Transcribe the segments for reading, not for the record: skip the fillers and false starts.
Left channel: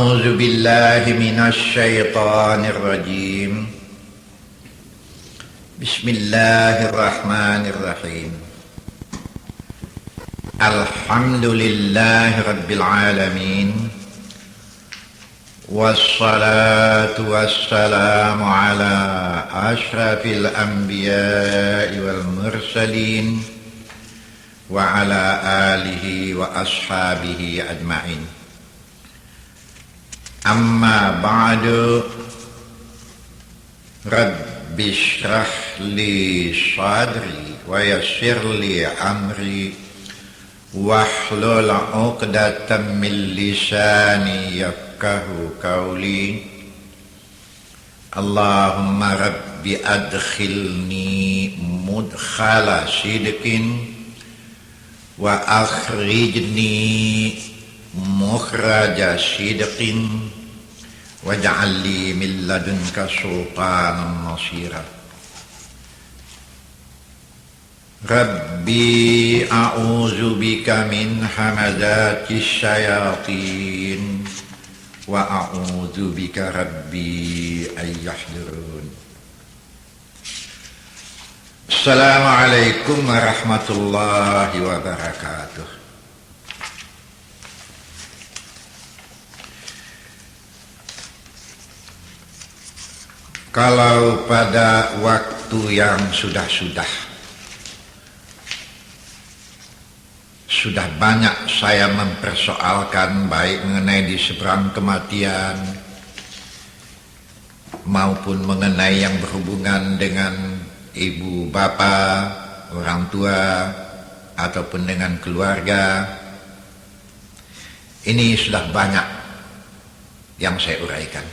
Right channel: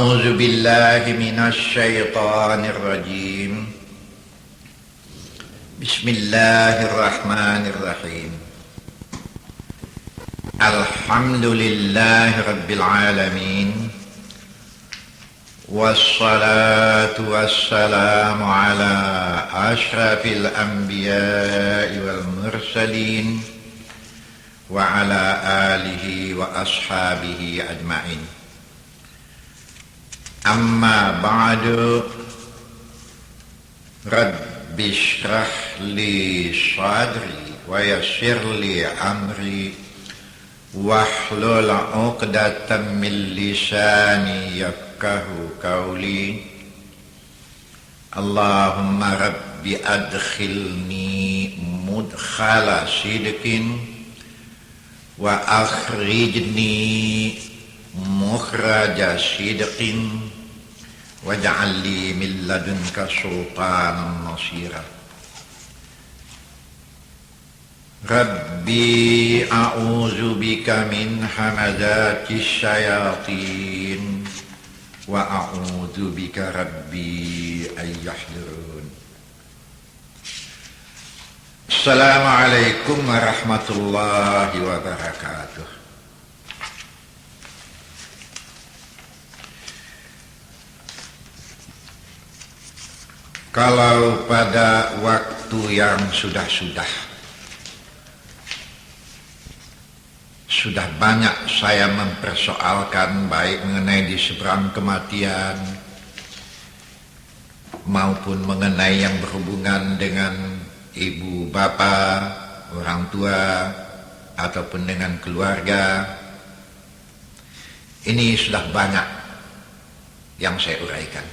أعوذ بالله من الشيطان الرجيم. بسم الله الرحمن الرحيم. الحمد لله رب العالمين، والصلاة والسلام على أشرف الأنبياء والمرسلين وعلى آله وأصحابه أجمعين. أما بعد، رب اشرح لي صدري ويسر لي أمري واحلل عقدة من لساني يفقهوا قولي. اللهم رب أدخلني مدخل صدق وأخرجني مخرج صدق واجعل لي من لدنك سلطانا نصيرا. ربي أعوذ بك من همزات الشياطين وأعوذ بك ربي أن يحضرون. السلام عليكم ورحمة الله وبركاته. Kalau pada waktu yang sudah banyak saya mempersoalkan baik mengenai di seberang kematian maupun mengenai yang berhubungan dengan ibu bapa, orang tua ataupun dengan keluarga, ini sudah banyak yang saya uraikan.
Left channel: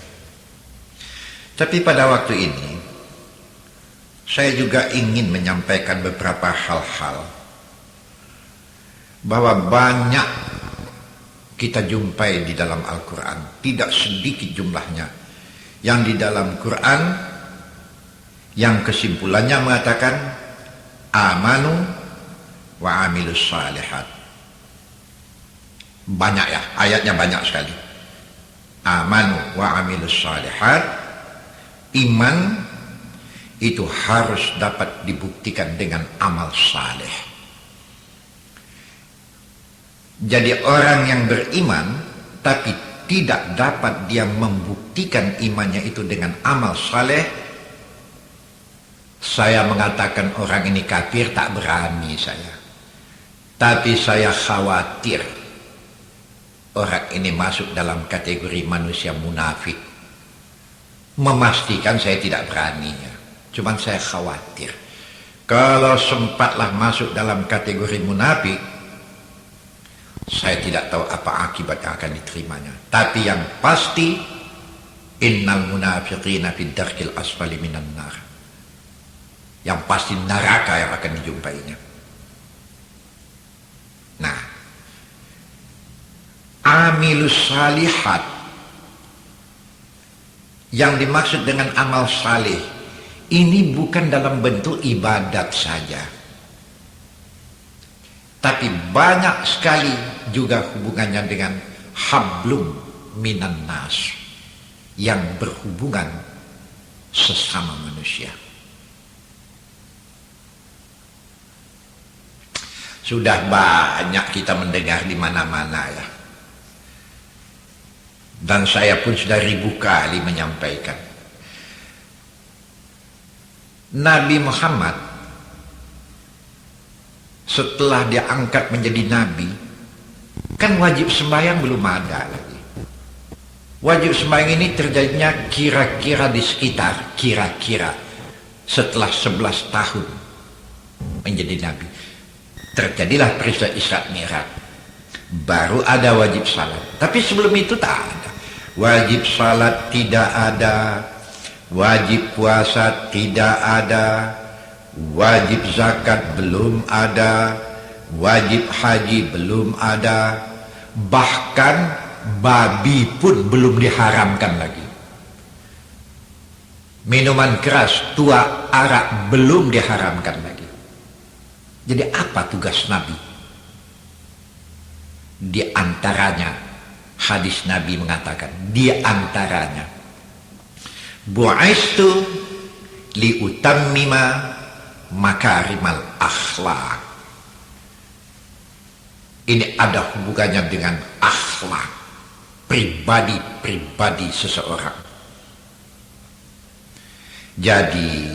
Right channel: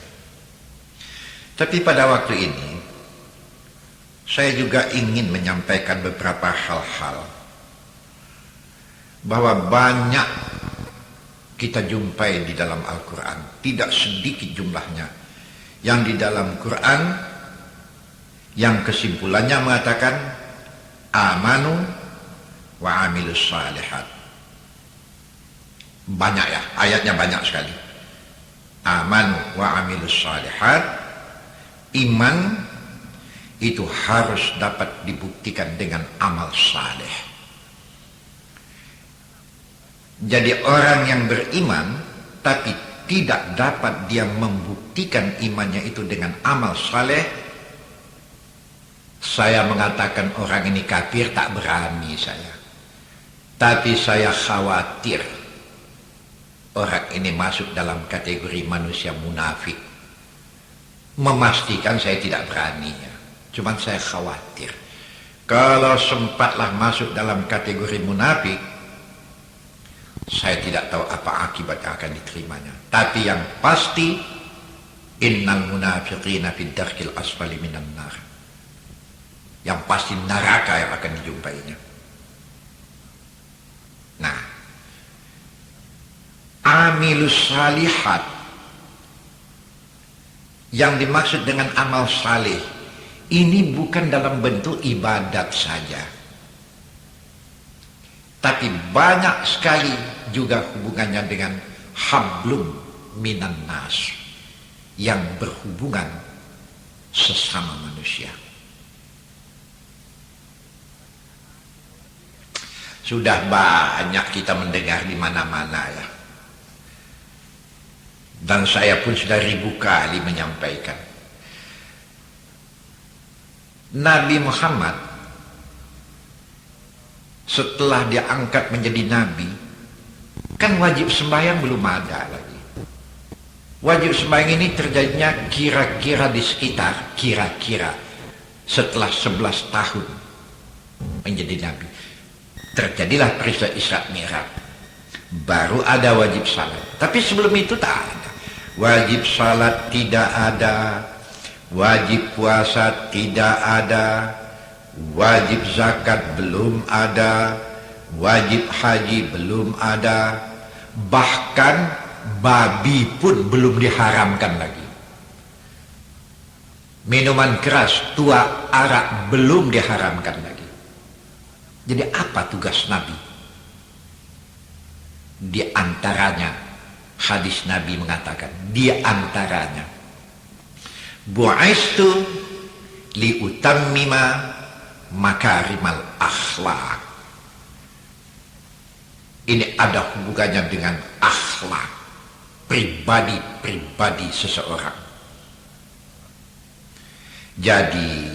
Tapi pada waktu ini saya juga ingin menyampaikan beberapa hal-hal bahwa banyak kita jumpai di dalam Al-Quran, tidak sedikit jumlahnya yang di dalam Quran yang kesimpulannya mengatakan amanu wa amilus salihat. Banyak ya, ayatnya banyak sekali. Amanu wa amilus salihat. Iman itu harus dapat dibuktikan dengan amal saleh. Jadi orang yang beriman tapi tidak dapat dia membuktikan imannya itu dengan amal saleh, saya mengatakan orang ini kafir, tak berani saya. Tapi saya khawatir orang ini masuk dalam kategori manusia munafik. Memastikan saya tidak beraninya, cuman saya khawatir kalau sempatlah masuk dalam kategori munafik, saya tidak tahu apa akibat yang akan diterimanya. Tapi yang pasti, innal munafiqina fid darkil asfali minan nar. Yang pasti neraka yang akan dijumpainya. Nah, amilus salihat yang dimaksud dengan amal saleh ini bukan dalam bentuk ibadat saja, tapi banyak sekali juga hubungannya dengan hablum minan nas, yang berhubungan sesama manusia. Sudah banyak kita mendengar di mana-mana ya. Dan saya pun sudah ribu kali menyampaikan. Nabi Muhammad setelah dia angkat menjadi nabi, kan wajib sembahyang belum ada. Wajib sembahyang ini terjadinya kira-kira di sekitar, kira-kira setelah 11 tahun menjadi nabi. Terjadilah peristiwa Isra Mi'raj. Baru ada wajib salat. Tapi sebelum itu tak ada. Wajib salat tidak ada, wajib puasa tidak ada, wajib zakat belum ada, wajib haji belum ada, bahkan babi pun belum diharamkan lagi. Minuman keras, tua, arak belum diharamkan lagi. Jadi apa tugas Nabi? Di antaranya hadis Nabi mengatakan di antaranya bu'aistu liutammima makarimal akhlak. Ini ada hubungannya dengan akhlak pribadi seseorang. Jadi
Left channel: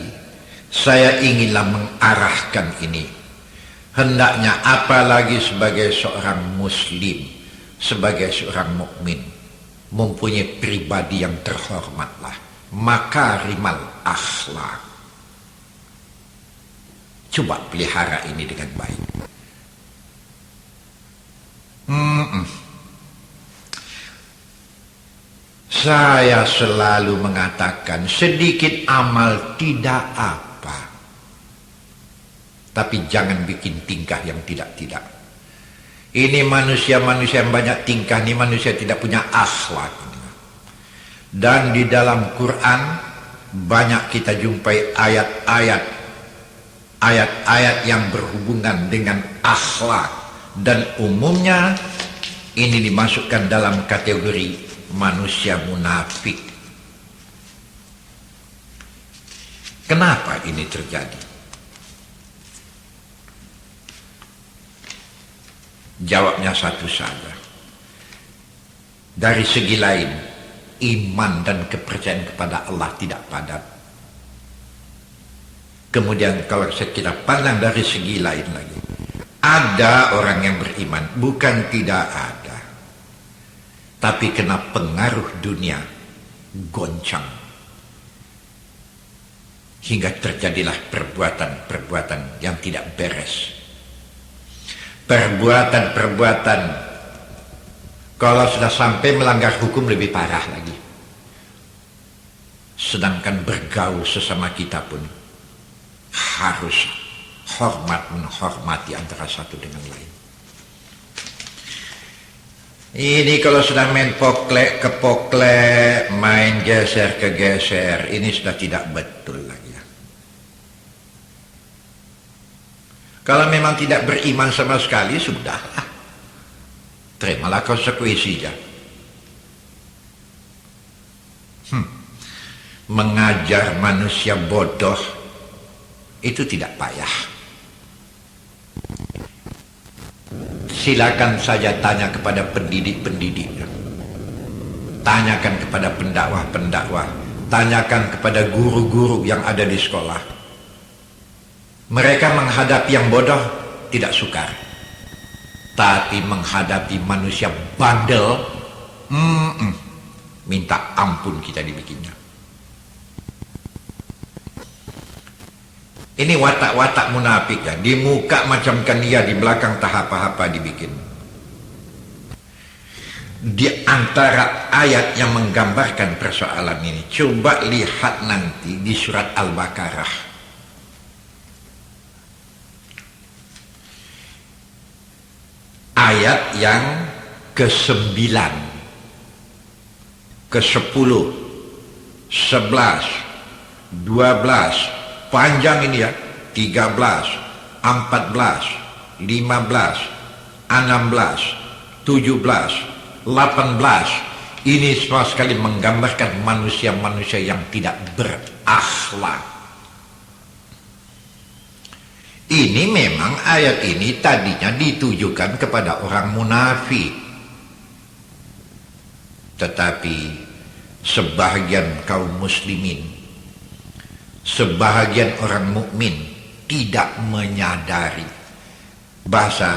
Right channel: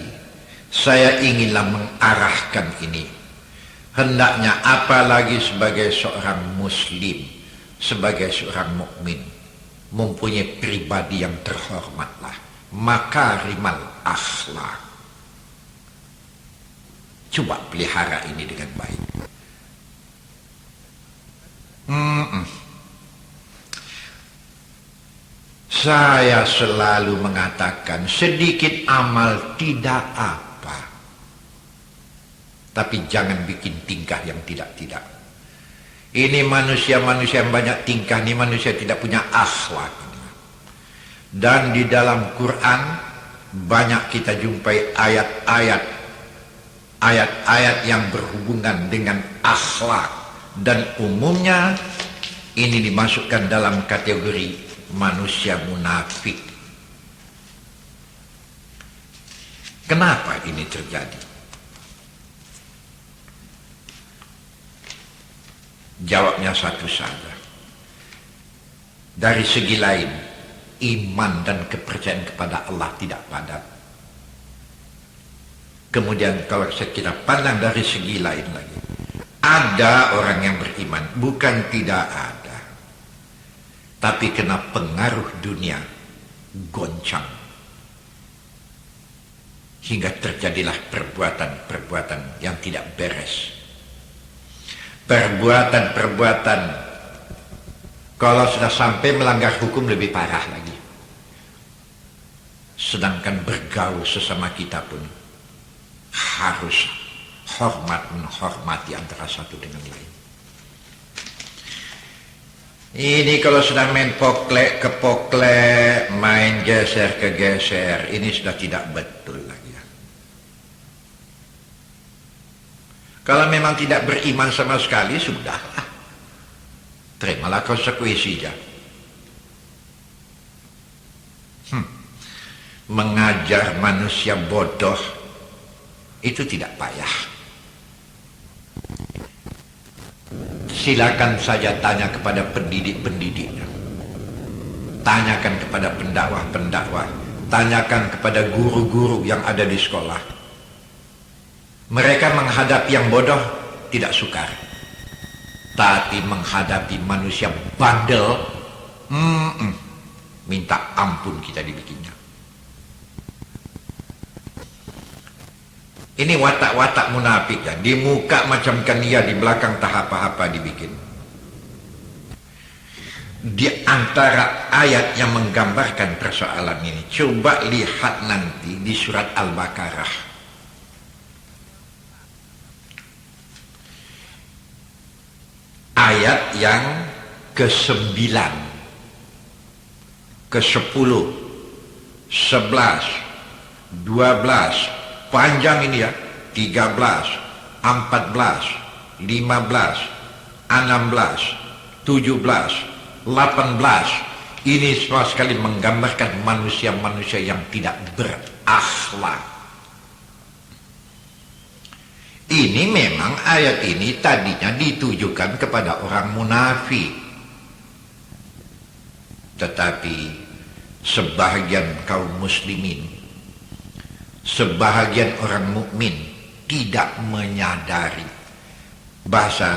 saya inginlah mengarahkan ini. Hendaknya apalagi sebagai seorang muslim, sebagai seorang mukmin, mempunyai pribadi yang terhormatlah, makarimal akhlak. Coba pelihara ini dengan baik. Saya selalu mengatakan sedikit amal tidak apa, tapi jangan bikin tingkah yang tidak-tidak. Ini manusia-manusia yang banyak tingkah, ini manusia tidak punya akhlak. Dan di dalam Quran banyak kita jumpai ayat-ayat yang berhubungan dengan akhlak, dan umumnya ini dimasukkan dalam kategori manusia munafik. Kenapa ini terjadi? Jawabnya satu saja. Dari segi lain, iman dan kepercayaan kepada Allah tidak padat. Kemudian kalau kita pandang dari segi lain lagi, ada orang yang beriman, bukan tidak ada, tapi kena pengaruh dunia goncang, hingga terjadilah perbuatan-perbuatan yang tidak beres. Perbuatan-perbuatan kalau sudah sampai melanggar hukum lebih parah lagi. Sedangkan bergaul sesama kita pun harus menghormati antara satu dengan lain. Ini kalau sudah main poklek ke poklek, main geser ke geser, ini sudah tidak betul lagi. Kalau memang tidak beriman sama sekali, sudah. Terimalah konsekuensinya. Mengajar manusia bodoh itu tidak payah. Silakan saja tanya kepada pendidik-pendidiknya. Tanyakan kepada pendakwah-pendakwah. Tanyakan kepada guru-guru yang ada di sekolah. Mereka menghadapi yang bodoh tidak sukar. Tapi menghadapi manusia bandel, minta ampun kita dibikinnya. Ini watak-watak munafik ya. Di muka macam kan dia, di belakang tak apa-apa dibikin. Di antara ayat yang menggambarkan persoalan ini, coba lihat nanti di surat Al-Baqarah. Ayat yang ke-9, ke-10, 11, 12, panjang ini ya, 13, 14, 15, 16, 17, 18. Ini semua sekali menggambarkan manusia-manusia yang tidak berakhlak. Ini memang ayat ini tadinya ditujukan kepada orang munafik. Tetapi sebahagian kaum muslimin, sebahagian orang mukmin tidak menyadari bahasa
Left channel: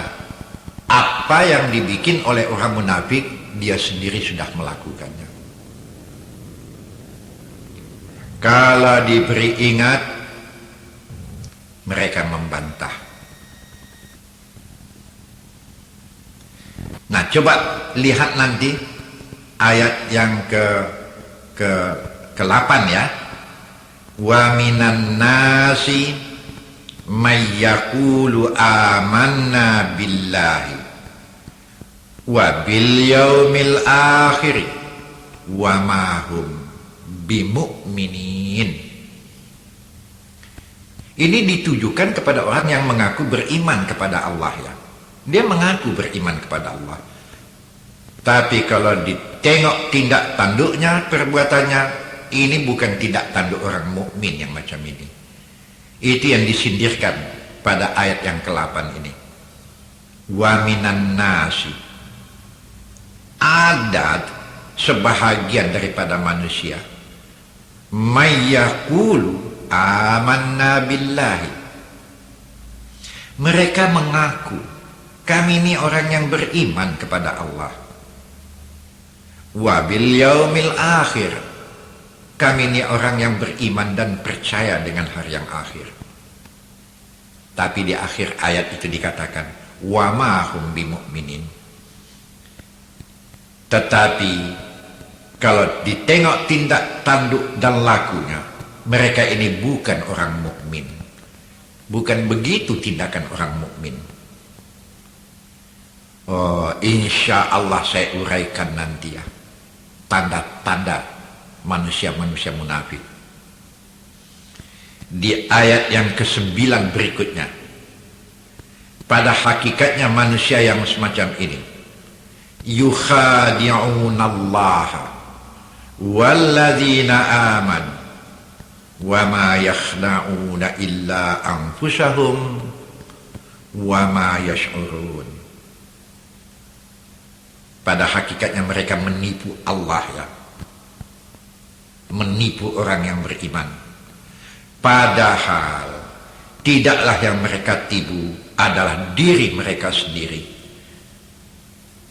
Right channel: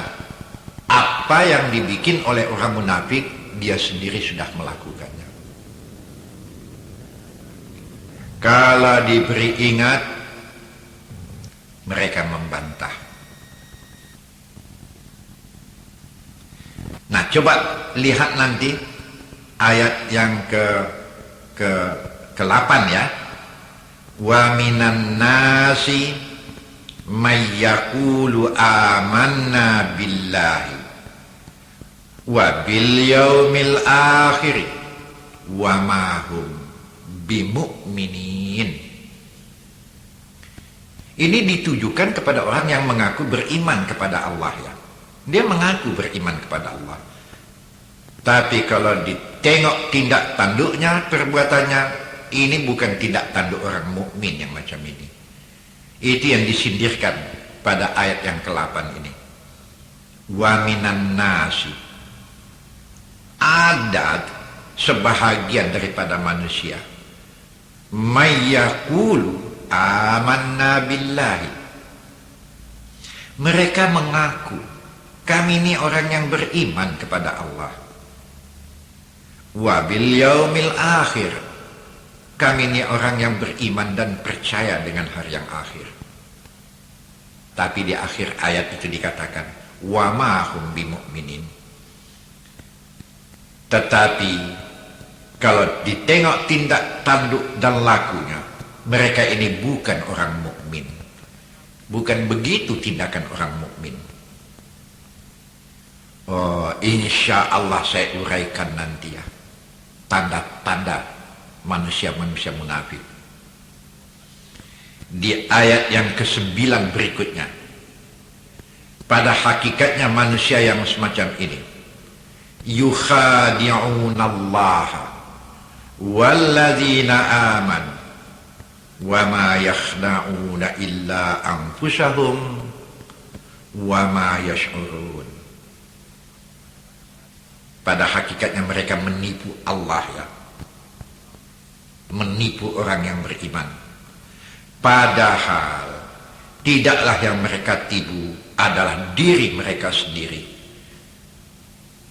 apa yang dibikin oleh orang munafik, dia sendiri sudah melakukannya. Kalau diberi ingat, mereka membantah. Nah, coba lihat nanti ayat yang ke-8 ya. Wa minan nasi may yaqulu amanna billahi wa bil yaumil akhir wa ma hum bimu'minin. Ini ditujukan kepada orang yang mengaku beriman kepada Allah ya. Dia mengaku beriman kepada Allah. Tapi kalau ditengok tindak tanduknya, perbuatannya, ini bukan tindak tanduk orang mukmin yang macam ini. Itu yang disindirkan pada ayat yang ke-8 ini. Wa minan nasi, ada sebahagian daripada manusia, mayyaqulu amanna billahi, mereka mengaku kami ini orang yang beriman kepada Allah, wa bil yaumil akhir, kami ini orang yang beriman dan percaya dengan hari yang akhir. Tapi di akhir ayat itu dikatakan wa ma hum bimu'minin. Tetapi kalau ditengok tindak tanduk dan lakunya, mereka ini bukan orang mukmin. Bukan begitu tindakan orang mukmin. Oh, insya Allah saya uraikan nanti ya tanda-tanda manusia-manusia munafik di ayat yang ke-9 berikutnya. Pada hakikatnya manusia yang semacam ini, yukhadi'unallaha walladzina amanu wa ma yakhda'una illa anfusahum wa ma yash'urun. Pada hakikatnya mereka menipu Allah ya, menipu orang yang beriman. Padahal tidaklah yang mereka tipu adalah diri mereka sendiri.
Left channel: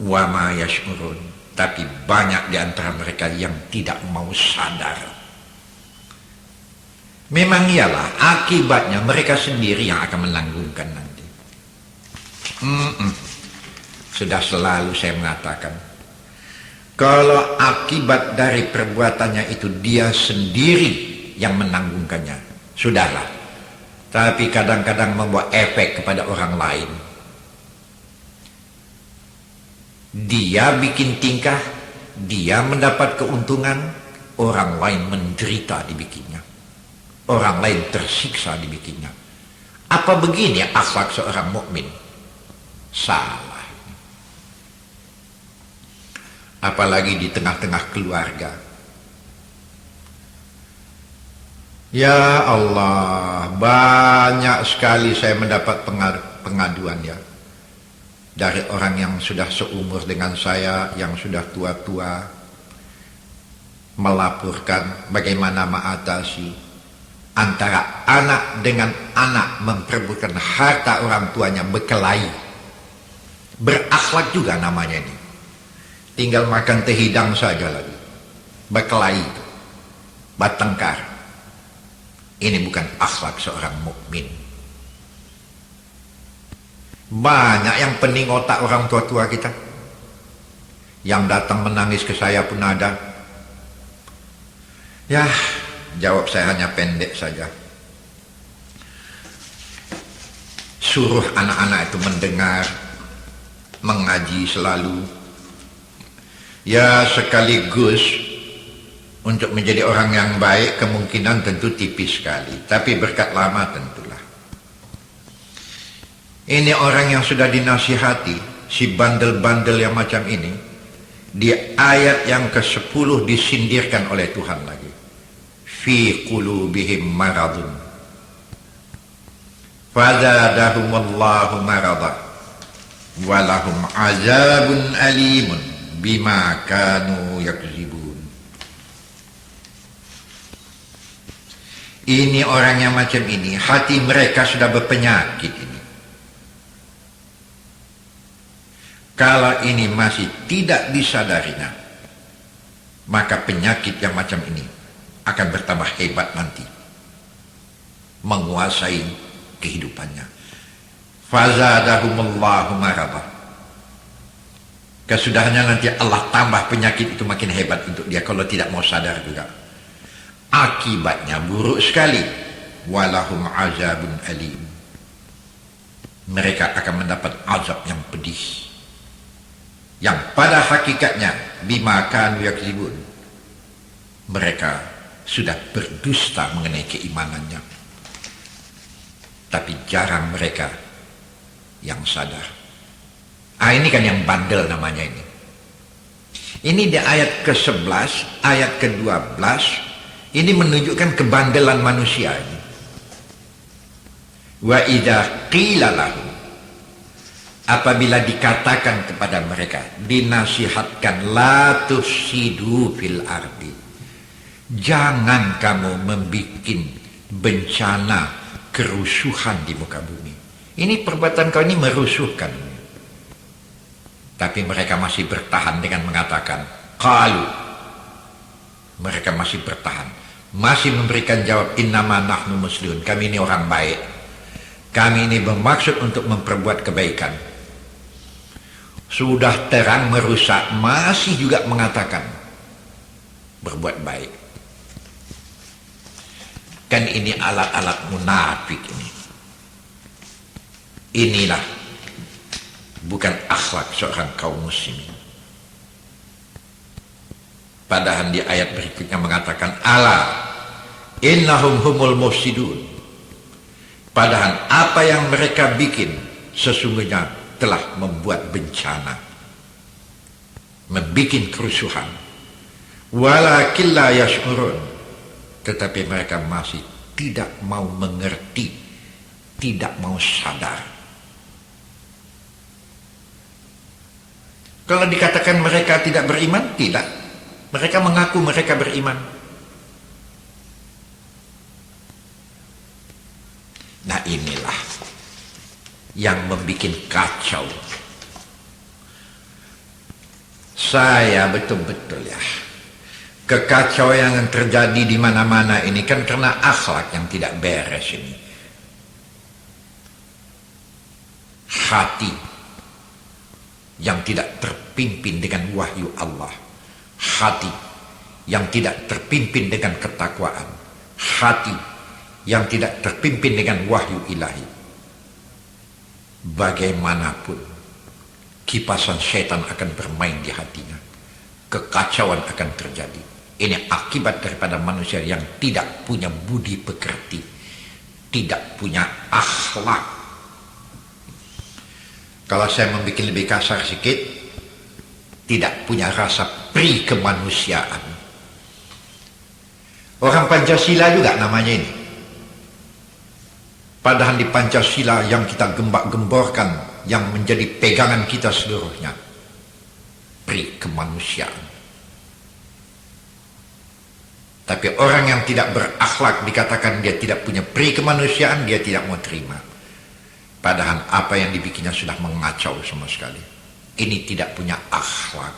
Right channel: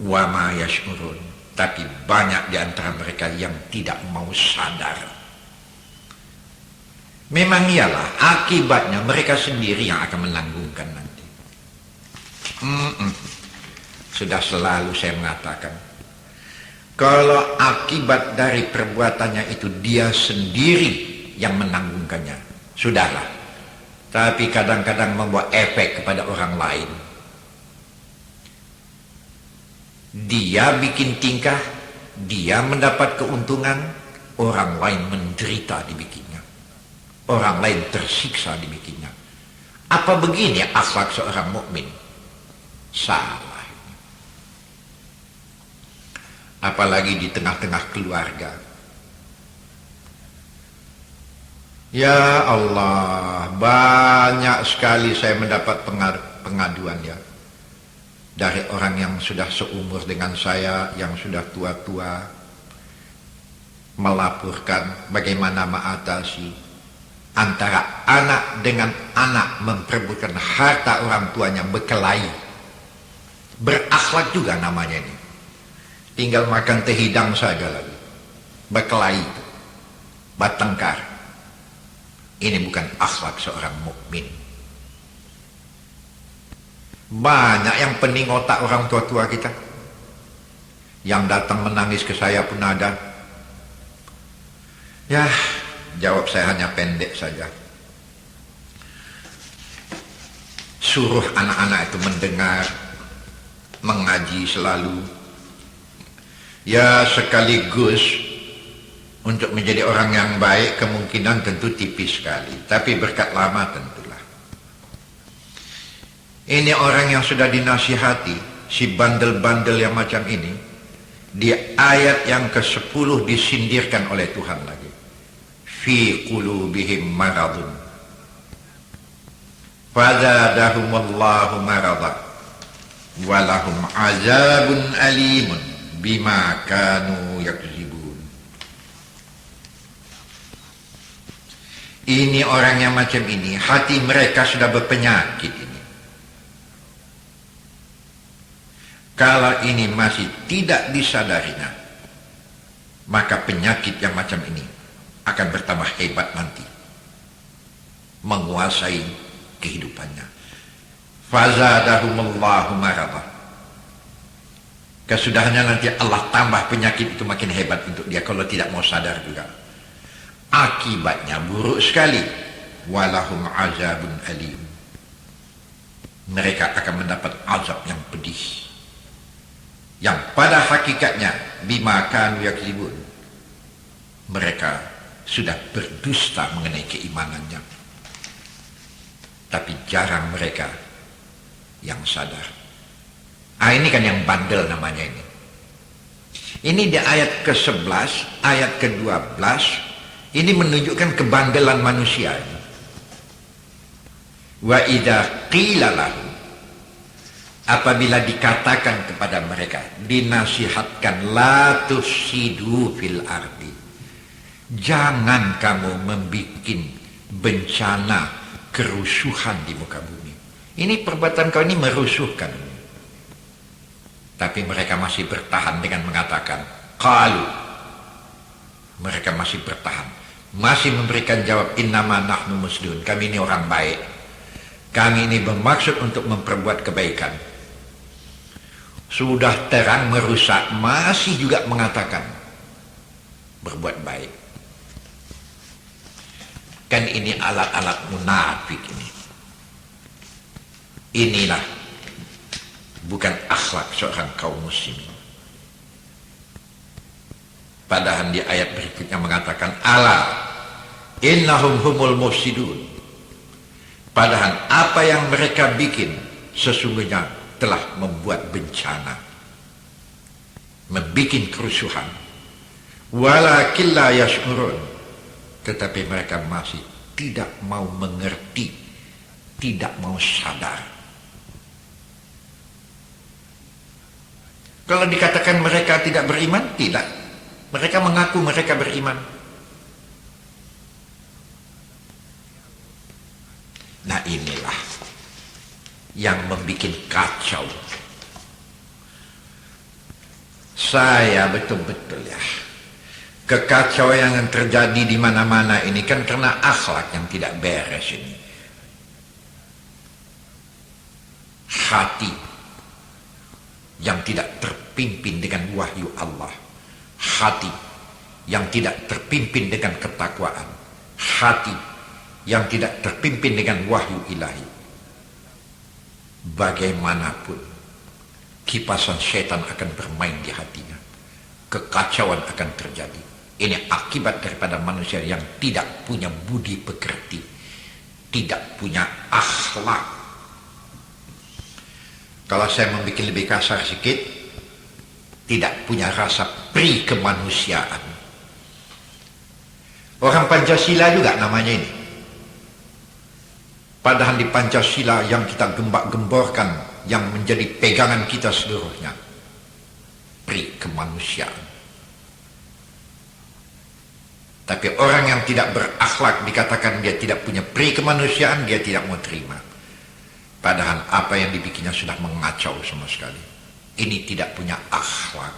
Wa ma yash'urun. Tapi banyak di antara mereka yang tidak mau sadar. Memang ialah akibatnya mereka sendiri yang akan menanggungkan nanti. Sudah selalu saya mengatakan, kalau akibat dari perbuatannya itu dia sendiri yang menanggungkannya, sudahlah. Tapi kadang-kadang membawa efek kepada orang lain. Dia bikin tingkah, dia mendapat keuntungan, orang lain menderita dibikinnya. Orang lain tersiksa dibikinnya. Apa begini akhlak seorang mukmin? Salah. Apalagi di tengah-tengah keluarga. Ya Allah, banyak sekali saya mendapat pengaduan ya, dari orang yang sudah seumur dengan saya, yang sudah tua-tua, melaporkan bagaimana mengatasi antara anak dengan anak memperebutkan harta orang tuanya, berkelahi. Berakhlak juga namanya ini. Tinggal makan teh hidang saja lagi. Berkelahi, bertengkar. Ini bukan akhlak seorang mukmin. Banyak yang pening otak orang tua-tua kita. Yang datang menangis ke saya pun ada. Ya, jawab saya hanya pendek saja. Suruh anak-anak itu mendengar, mengaji selalu. Ya, sekaligus untuk menjadi orang yang baik kemungkinan tentu tipis sekali. Tapi berkat lama tentulah. Ini orang yang sudah dinasihati, si bandel-bandel yang macam ini. Di ayat yang ke-10 disindirkan oleh Tuhan lagi. Fi qulubihim maradun fazadahumullahu maradan walahum azabun alimun bima kanu yakzibun. Ini orang yang macam ini, hati mereka sudah berpenyakit ini. Kalau ini masih tidak disadarinya, maka penyakit yang macam ini akan bertambah hebat nanti, menguasai kehidupannya. Fazadahumullahu maradan. Kesudahannya nanti Allah tambah penyakit itu makin hebat untuk dia kalau tidak mau sadar juga. Akibatnya buruk sekali. Walahum azabun alim. Mereka akan mendapat azab yang pedih. Yang pada hakikatnya bima kanu yakzibun. Mereka sudah berdusta mengenai keimanannya. Tapi jarang mereka yang sadar. Ini kan yang bandel namanya ini. Ini di ayat ke-11, ayat ke-12, ini menunjukkan kebandelan manusia. Wa idza qila lahu, apabila dikatakan kepada mereka, dinasihatkan, la tusidu fil ardi, jangan kamu membuat bencana kerusuhan di muka bumi. Ini perbuatan kau ini merusuhkan. Tapi mereka masih bertahan dengan mengatakan, qalu, mereka masih bertahan, masih memberikan jawab, innama nahnu muslimun, kami ini orang baik, kami ini bermaksud untuk memperbuat kebaikan. Sudah terang merusak, masih juga mengatakan berbuat baik. Kan ini alat-alat munafik ini. Inilah bukan akhlak seorang kaum muslimin. Padahal di ayat berikutnya mengatakan, ala innahum humul mufsidun. Padahal apa yang mereka bikin sesungguhnya telah membuat bencana, membuat kerusuhan. Walakin la yash'urun, tetapi mereka masih tidak mau mengerti, tidak mau sadar. Kalau dikatakan mereka tidak beriman, tidak. Mereka mengaku mereka beriman. Nah inilah yang membuat kacau. Saya betul-betul ya, kekacauan yang terjadi di mana-mana ini kan karena akhlak yang tidak beres ini. Hati yang tidak terpimpin dengan wahyu Allah, hati yang tidak terpimpin dengan ketakwaan, hati yang tidak terpimpin dengan wahyu ilahi. Bagaimanapun kipasan setan akan bermain di hatinya, kekacauan akan terjadi. Ini akibat daripada manusia yang tidak punya budi pekerti, tidak punya akhlak. Kalau saya membuat lebih kasar sedikit, tidak punya rasa pri kemanusiaan. Orang Pancasila juga namanya ini. Padahal di Pancasila yang kita gembak-gemborkan, yang menjadi pegangan kita seluruhnya, pri kemanusiaan. Tapi orang yang tidak berakhlak dikatakan dia tidak punya pri kemanusiaan, dia tidak mau terima. Padahal apa yang dibikinnya sudah mengacau sama sekali. Ini tidak punya akhlak.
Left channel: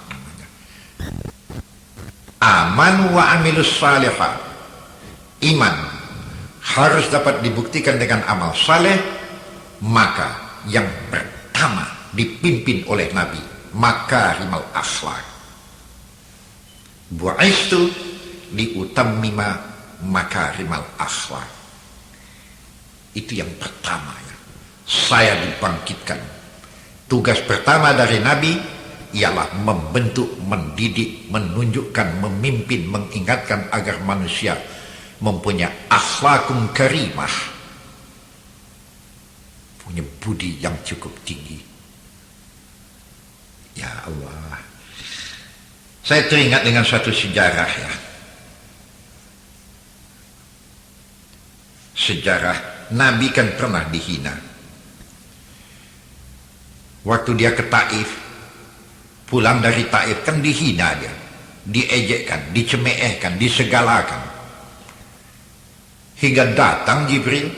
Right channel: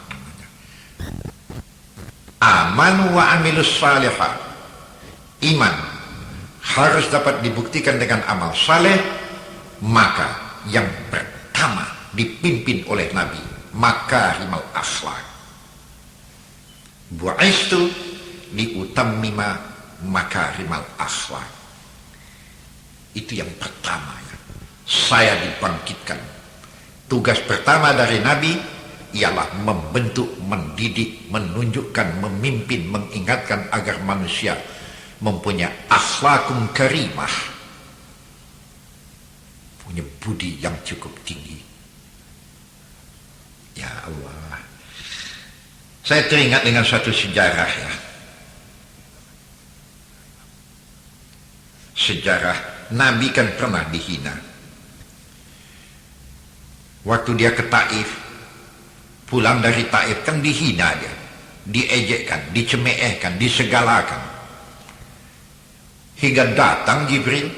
Aman wa amilus salihah. Iman harus dapat dibuktikan dengan amal saleh. Maka yang pertama dipimpin oleh Nabi, makarimul akhlak. Bu'istu liutammima makarimul akhlak. Itu yang pertama. Saya dibangkitkan. Tugas pertama dari Nabi ialah membentuk, mendidik, menunjukkan, memimpin, mengingatkan agar manusia mempunyai akhlakun karimah, punya budi yang cukup tinggi. Ya Allah, saya teringat dengan suatu sejarah ya. Sejarah Nabi kan pernah dihina. Waktu dia ke Taif, pulang dari Taif kan dihina dia, diejekkan, dicemeehkan, disegalakan. Hingga datang Jibril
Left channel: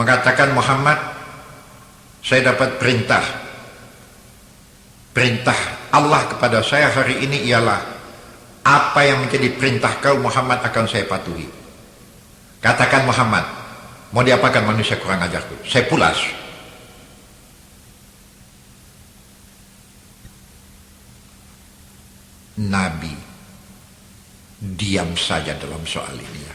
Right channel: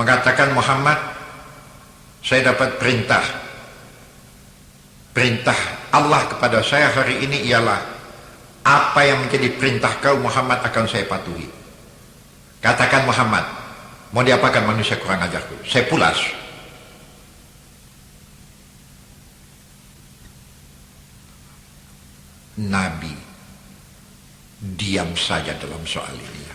mengatakan, Muhammad, saya dapat perintah Allah kepada saya hari ini ialah apa yang menjadi perintah kau Muhammad akan saya patuhi. Katakan Muhammad, mau diapakan manusia kurang ajarku? Saya pulas. Nabi diam saja dalam soal ini.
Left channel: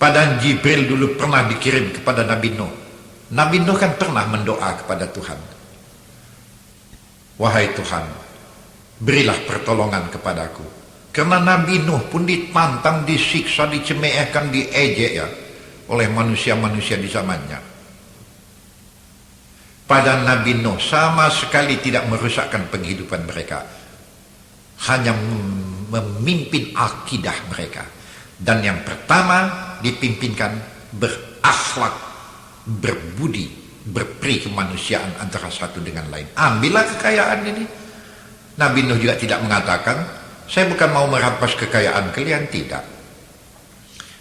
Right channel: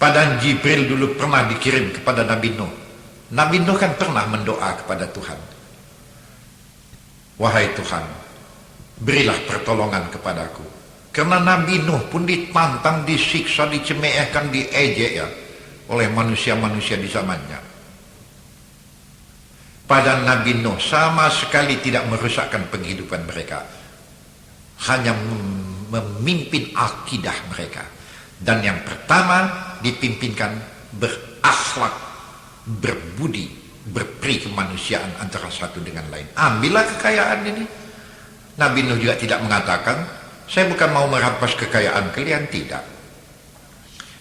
Padahal Jibril dulu pernah dikirim kepada Nabi Nuh. Nabi Nuh kan pernah mendoa kepada Tuhan. Wahai Tuhan, berilah pertolongan kepadaku. Karena Nabi Nuh pun ditantang, disiksa, dicemeehkan, diejek ya, oleh manusia-manusia di zamannya. pada Nabi Nuh sama sekali tidak merusakkan penghidupan mereka, hanya memimpin akidah mereka. Dan yang pertama dipimpinkan berakhlak, berbudi, berperi kemanusiaan antara satu dengan lain. Ambillah kekayaan ini. Nabi Nuh juga tidak mengatakan, saya bukan mau merampas kekayaan kalian, tidak.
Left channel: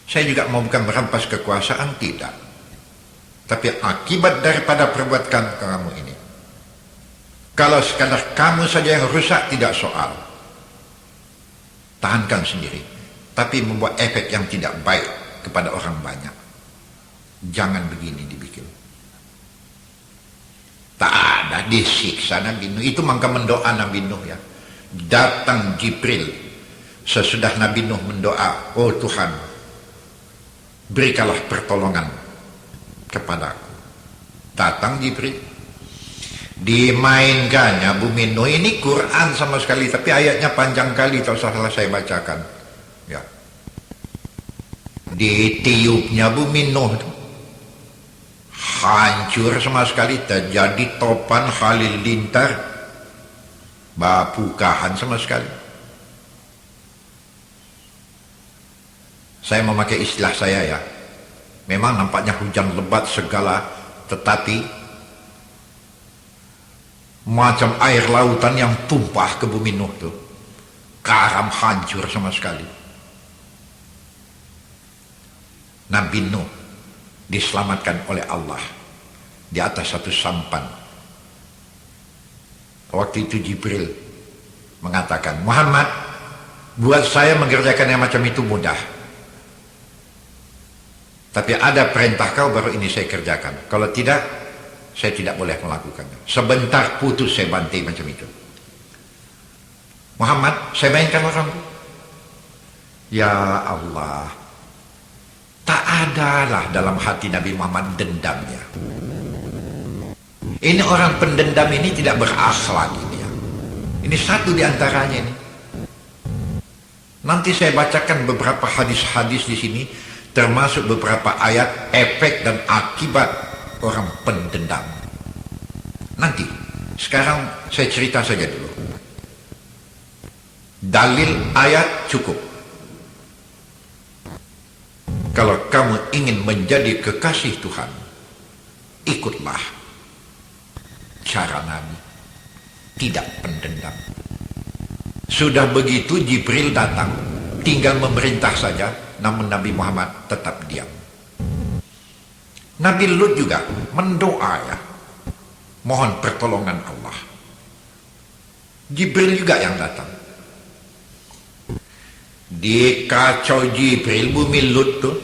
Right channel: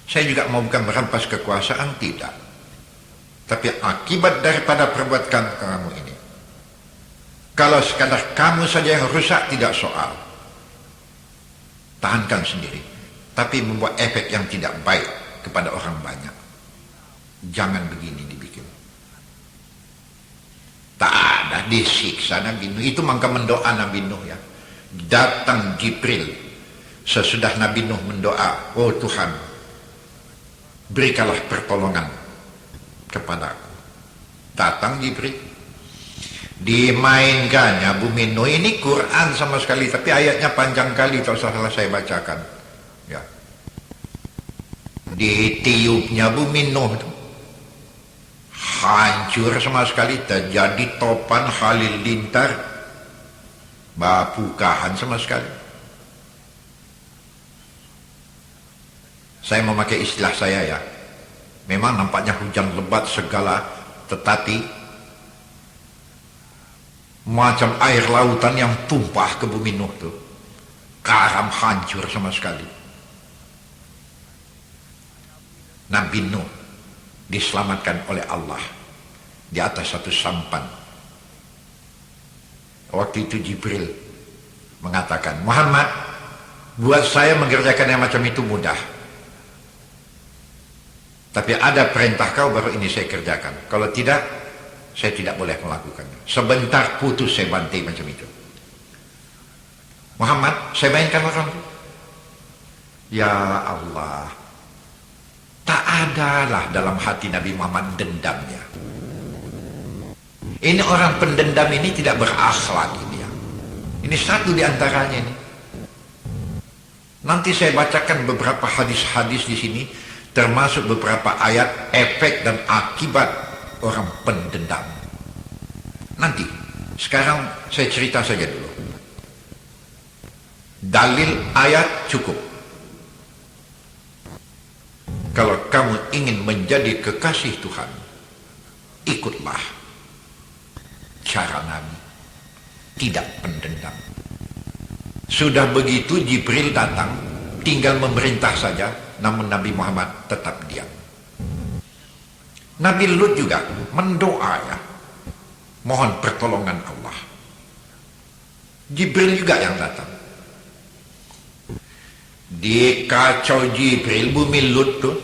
Saya juga mau bukan merampas kekuasaan, tidak. Tapi akibat daripada perbuatan kamu ini, kalau sekadar kamu saja yang rusak, tidak soal, tahankan sendiri. Tapi membuat efek yang tidak baik kepada orang banyak, jangan begini dibikin. Tak ada disiksa Nabi Nuh. Itu maka mendoa Nabi Nuh ya. Datang Jibril sesudah Nabi Nuh mendoa, oh Tuhan, berikanlah pertolongan kepada. Datang Jibril, dimainkannya bumi Nuh. Ini Quran sama sekali, tapi ayatnya panjang kali, kalau salah saya bacakan ya. Ditiupnya bumi Nuh, hancur sama sekali, terjadi topan halilintar, bapukahan sama sekali. Saya memakai istilah saya ya, memang nampaknya hujan lebat segala, tetapi macam air lautan yang tumpah ke bumi Nuh itu, karam hancur sama sekali. Nabi Nuh diselamatkan oleh Allah di atas satu sampan. Waktu itu Jibril mengatakan, Muhammad, buat saya mengerjakan yang macam itu mudah, tapi ada perintah kau baru ini saya kerjakan. Kalau tidak, saya tidak boleh melakukan. Sebentar putus saya bantai macam itu. Muhammad, saya mainkan orang. Ya Allah, tak adalah dalam hati Nabi Muhammad dendamnya. Ini orang pendendam ini tidak berakhlak ini ya. Ini satu di antaranya ini. Nanti saya bacakan beberapa hadis-hadis di sini, termasuk beberapa ayat efek dan akibat orang pendendam. Nanti, sekarang saya cerita saja dulu. Dalil ayat cukup. Kalau kamu ingin menjadi kekasih Tuhan, ikutlah cara Nabi, tidak pendendam. Sudah begitu Jibril datang, tinggal memerintah saja, namun Nabi Muhammad tetap diam. Nabi Lut juga mendoa ya, mohon pertolongan Allah. Jibril juga yang datang. Dikacau Jibril bumi Lut tuh.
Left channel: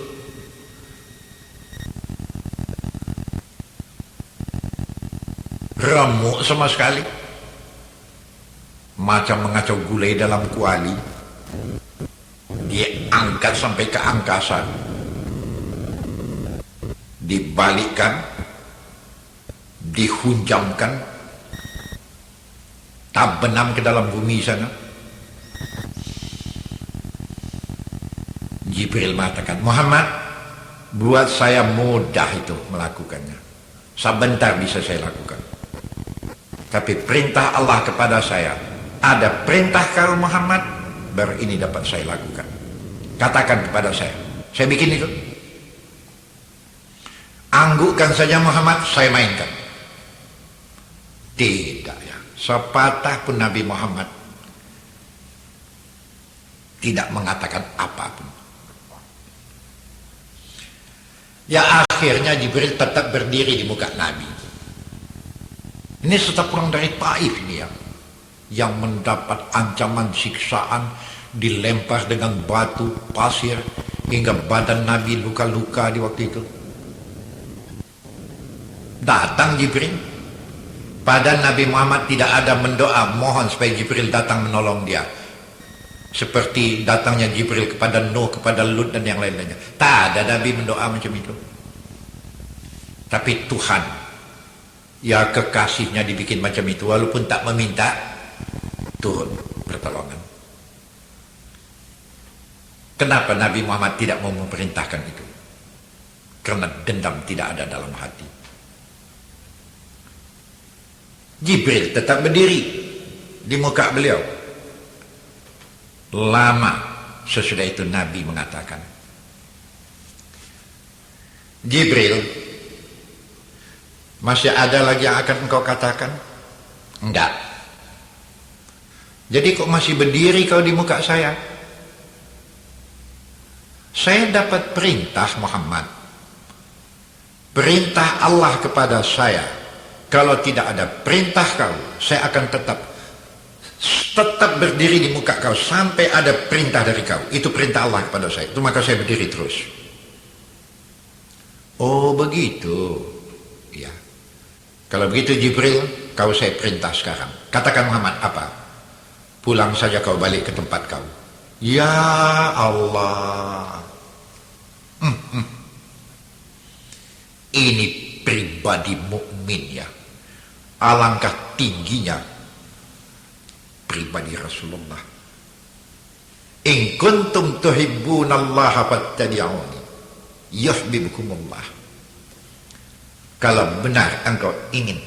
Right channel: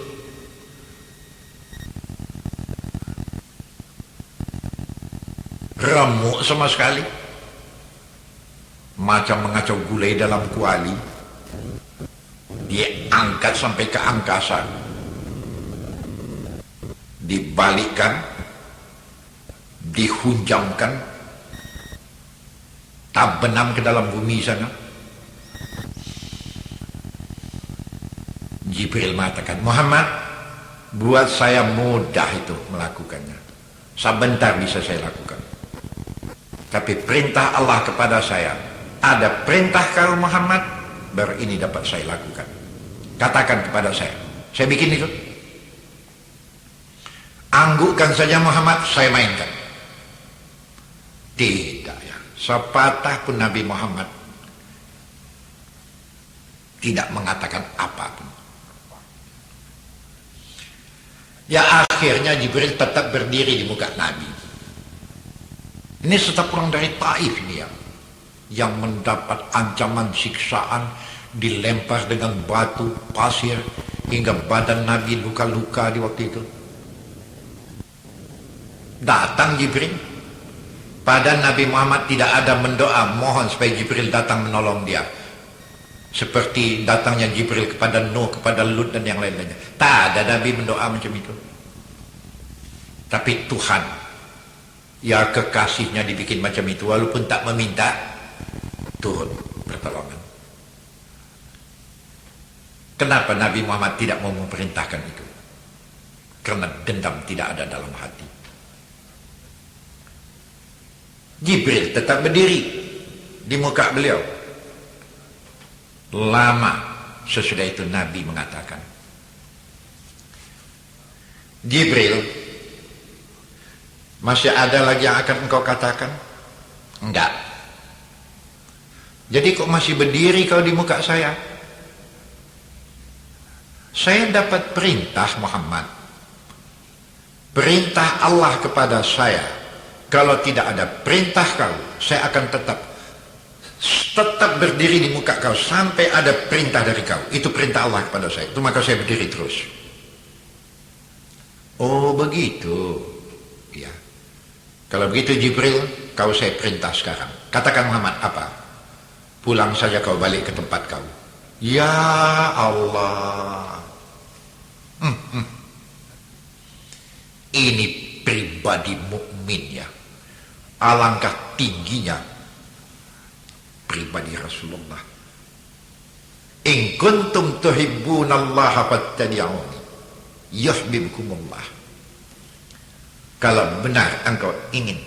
Remuk sama sekali. Macam mengacau gulai dalam kuali. Diangkat sampai ke angkasa, dibalikan, dihunjamkan, benam ke dalam bumi sana. Jibril mengatakan, Muhammad, buat saya mudah itu melakukannya, sebentar bisa saya lakukan. Tapi perintah Allah kepada saya, ada perintah kau Muhammad, baru ini dapat saya lakukan. Katakan kepada saya bikin itu. Anggukkan saja Muhammad, saya mainkan. Tidak ya, sepatah pun Nabi Muhammad tidak mengatakan apapun. Ya akhirnya Jibril tetap berdiri di muka Nabi. Ini tetap orang dari Taif ini ya, yang mendapat ancaman siksaan, dilempar dengan batu, pasir, hingga badan Nabi luka-luka di waktu itu. Datang Jibril. Pada Nabi Muhammad tidak ada mendoa, mohon supaya Jibril datang menolong dia. Seperti datangnya Jibril kepada Nuh, kepada Lut dan yang lain-lainnya. Tak ada Nabi mendoa macam itu. Tapi Tuhan, ya kekasihnya dibikin macam itu, walaupun tak meminta, turun pertolongan. Kenapa Nabi Muhammad tidak mau memerintahkan itu? Karena dendam tidak ada dalam hati. Jibril tetap berdiri di muka beliau. Lama sesudah itu Nabi mengatakan, Jibril, masih ada lagi yang akan engkau katakan? Enggak. Jadi kok masih berdiri kau di muka saya? Saya dapat perintah Muhammad. Perintah Allah kepada saya. Kalau tidak ada perintah kau, saya akan tetap berdiri di muka kau sampai ada perintah dari kau. Itu perintah Allah kepada saya. Itu maka saya berdiri terus. Oh begitu. Ya. Kalau begitu Jibril, kau saya perintah sekarang. Katakan Muhammad apa? Pulang saja kau balik ke tempat kau. Ya Allah. Ini pribadi mukmin ya. Alangkah tingginya pribadi Rasulullah. In kuntum tuhibbunallaha fattabi'uni yuhibbukumullah. Kalau benar engkau ingin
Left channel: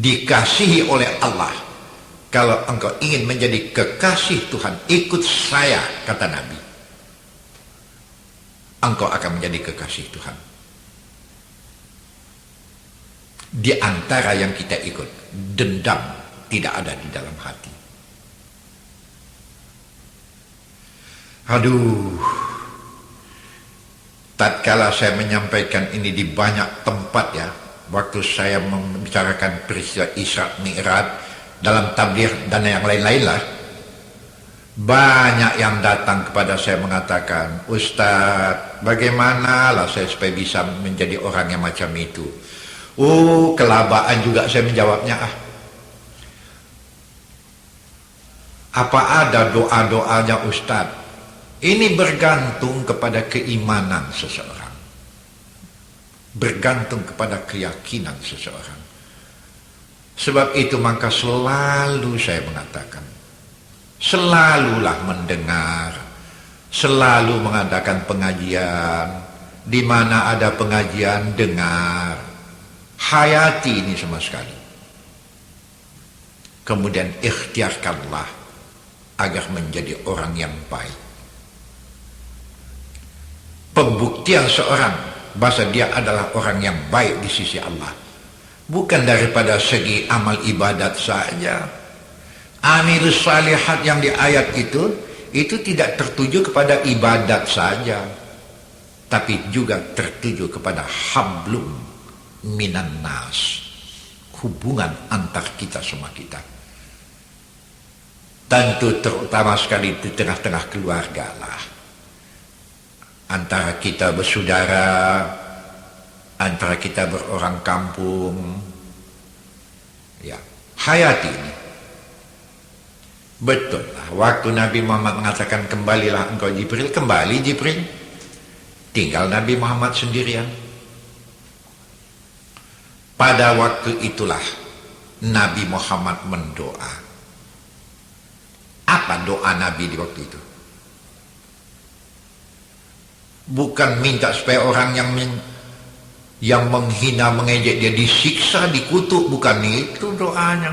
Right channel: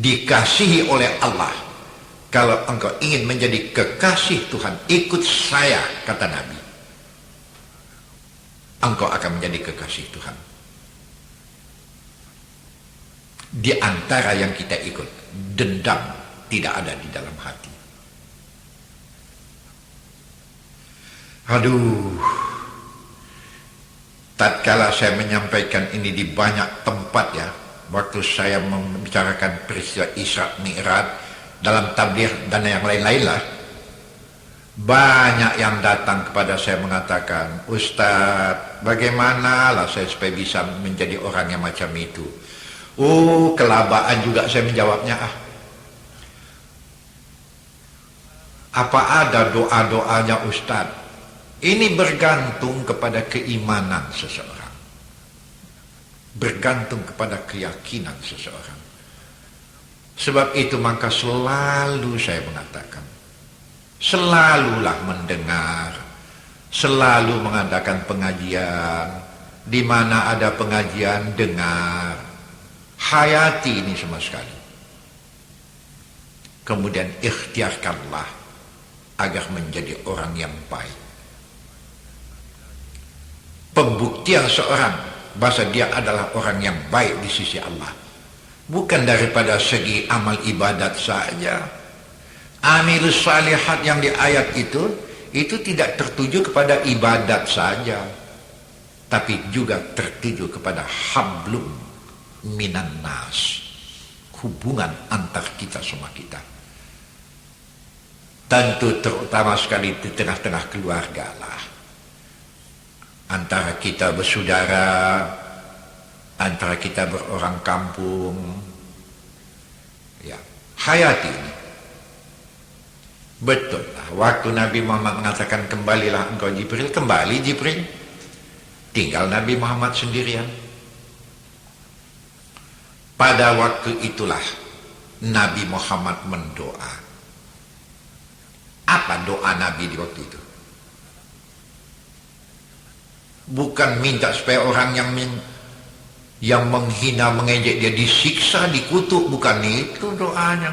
dikasihi oleh Allah, kalau engkau ingin menjadi kekasih Tuhan, ikut saya, kata Nabi. Engkau akan menjadi kekasih Tuhan. Di antara yang kita ikut, dendam tidak ada di dalam hati. Aduh, tatkala saya menyampaikan ini di banyak tempat ya, waktu saya membicarakan peristiwa Isra Mi'raj dalam tabligh dan yang lain-lain lah, banyak yang datang kepada saya mengatakan, Ustaz, bagaimana lah saya supaya bisa menjadi orang yang macam itu? Oh, kelabaan juga saya menjawabnya. Apa ada doa-doanya Ustaz? Ini bergantung kepada keimanan seseorang. Bergantung kepada keyakinan seseorang. Sebab itu maka selalu saya mengatakan, selalulah mendengar, selalu mengadakan pengajian, di mana ada pengajian dengar, hayati ini sama sekali. Kemudian ikhtiarkanlah agar menjadi orang yang baik. Pembuktian seorang bahwa dia adalah orang yang baik di sisi Allah, bukan daripada segi amal ibadat saja. Amilus salihat yang di ayat itu tidak tertuju kepada ibadat saja, tapi juga tertuju kepada hablum minan nas, hubungan antar kita semua kita. Tentu terutama sekali di tengah-tengah keluarga lah. Antara kita bersaudara, antara kita berorang kampung. Ya, hayati ini. Betul lah. Waktu Nabi Muhammad mengatakan kembalilah engkau Jibril, kembali Jibril. Tinggal Nabi Muhammad sendirian. Pada waktu itulah Nabi Muhammad mendoa. Apa doa Nabi di waktu itu? Bukan minta supaya orang yang menghina, mengejek dia disiksa, dikutuk, bukan itu doanya.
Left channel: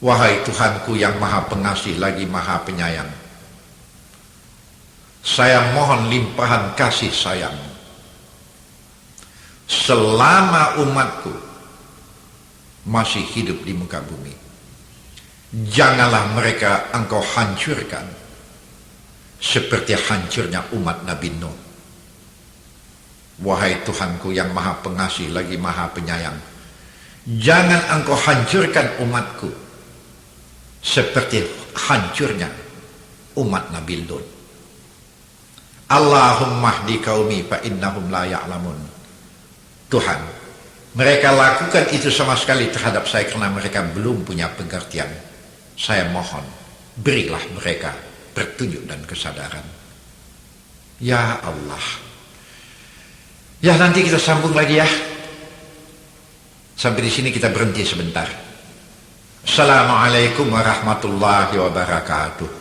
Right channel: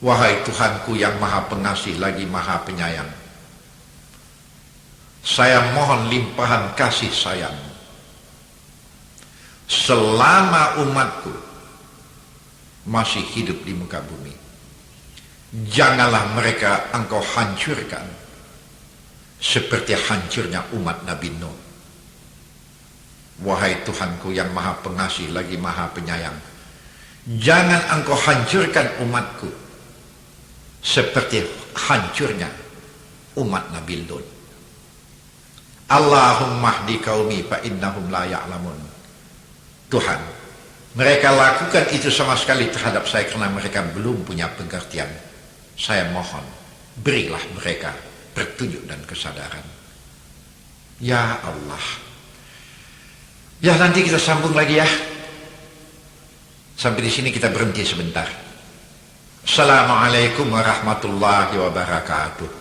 Wahai Tuhanku yang maha pengasih lagi maha penyayang, saya mohon limpahan kasih sayang. Selama umatku masih hidup di muka bumi, janganlah mereka engkau hancurkan seperti hancurnya umat Nabi Nuh. Wahai Tuhanku yang maha pengasih lagi maha penyayang, jangan engkau hancurkan umatku seperti hancurnya umat Nabi Lut. Allahumma hdi qaumi fa innahum la ya'lamun. Tuhan, mereka lakukan itu sama sekali terhadap saya karena mereka belum punya pengertian. Saya mohon, berilah mereka petunjuk dan kesadaran. Ya Allah. Ya, nanti kita sambung lagi ya. Sampai di sini kita berhenti sebentar. Assalamualaikum warahmatullahi wabarakatuh.